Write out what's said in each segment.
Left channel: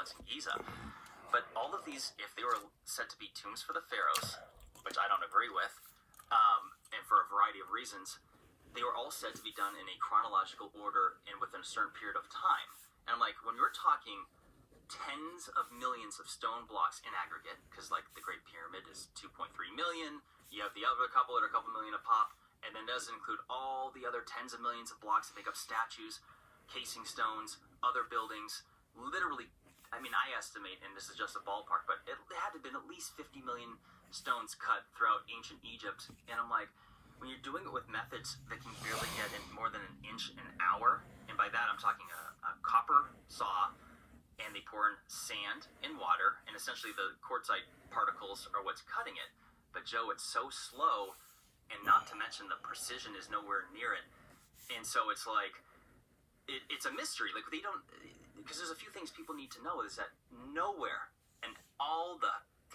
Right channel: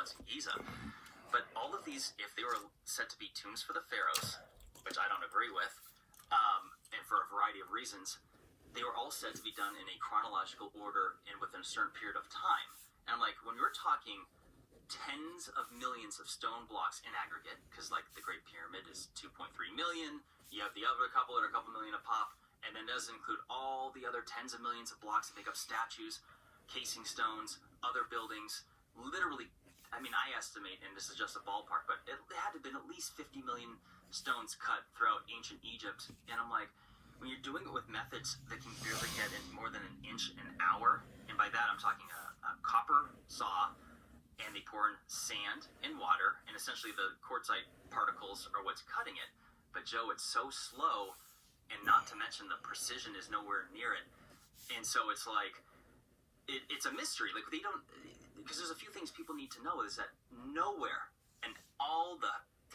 ones in Giza. But all of these, if they were said to be tombs for the pharaohs, which I don't agree with, and for a variety of reasons, they were all said to be done in a chronological order and within a certain period of time. And I'm like, when you're talking tens of millions of stone blocks in aggregate, because like the Great Pyramid is 2.3 million, you have the other couple that are a couple million a pop, and then does include all the other tens of millions of blocks that make up statues, casing stones, other buildings. Literally, I mean, I estimate, and this is just a ballpark, but it had to have been at least 50 million stones cut throughout ancient Egypt. And I'm like, when you're doing it with methods that can barely get in more than an inch an hour, and by that I'm talking a copper saw, and they pour in sand and water, and essentially the quartzite particles are what's cutting it. But Joe, it's so slow, and not to mention the precision is nowhere near it. And so it's like, it's a mystery. Like, they don't, because there's a few things people need to know, is that nowhere in all the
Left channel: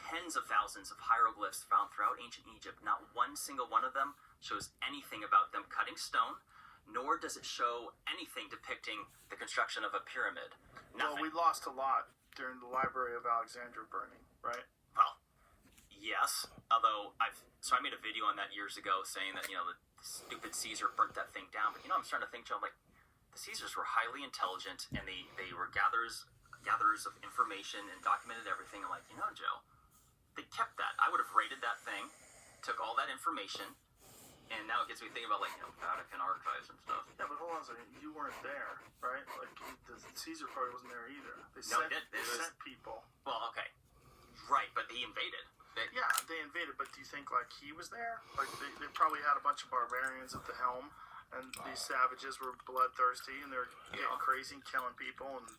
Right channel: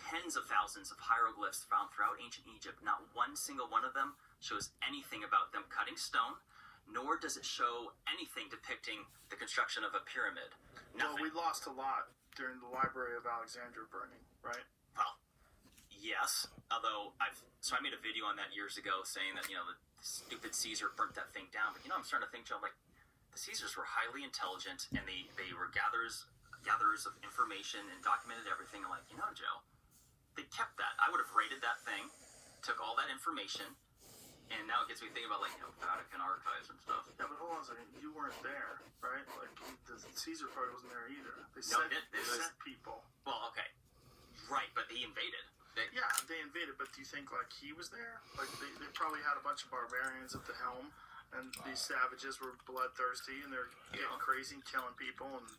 tens of thousands of hieroglyphs found throughout ancient Egypt, not one single one of them shows anything about them cutting stone, nor does it show anything depicting the construction of a pyramid. Well, we lost a lot during the Library of Alexandria burning, right? Well, yes. Although I made a video on that years ago saying that, the stupid Caesar burnt that thing down. But, I'm starting to think, Joe, like, the Caesars were highly intelligent, and they were gatherers of information and documented everything. I'm like, Joe, they kept that. I would have raided that thing, took all that information, and now it gets me thinking about, like, Vatican archives and stuff. Yeah, but hold on a second. You weren't there, right? Like, the Caesar part wasn't there either. They sent people. Well, okay. Right, but they invaded. Yeah, they invaded, but do you think, like, he was there? Like, they probably had a bunch of barbarians at the helm, and these savages were bloodthirsty, and they're getting crazy and killing people and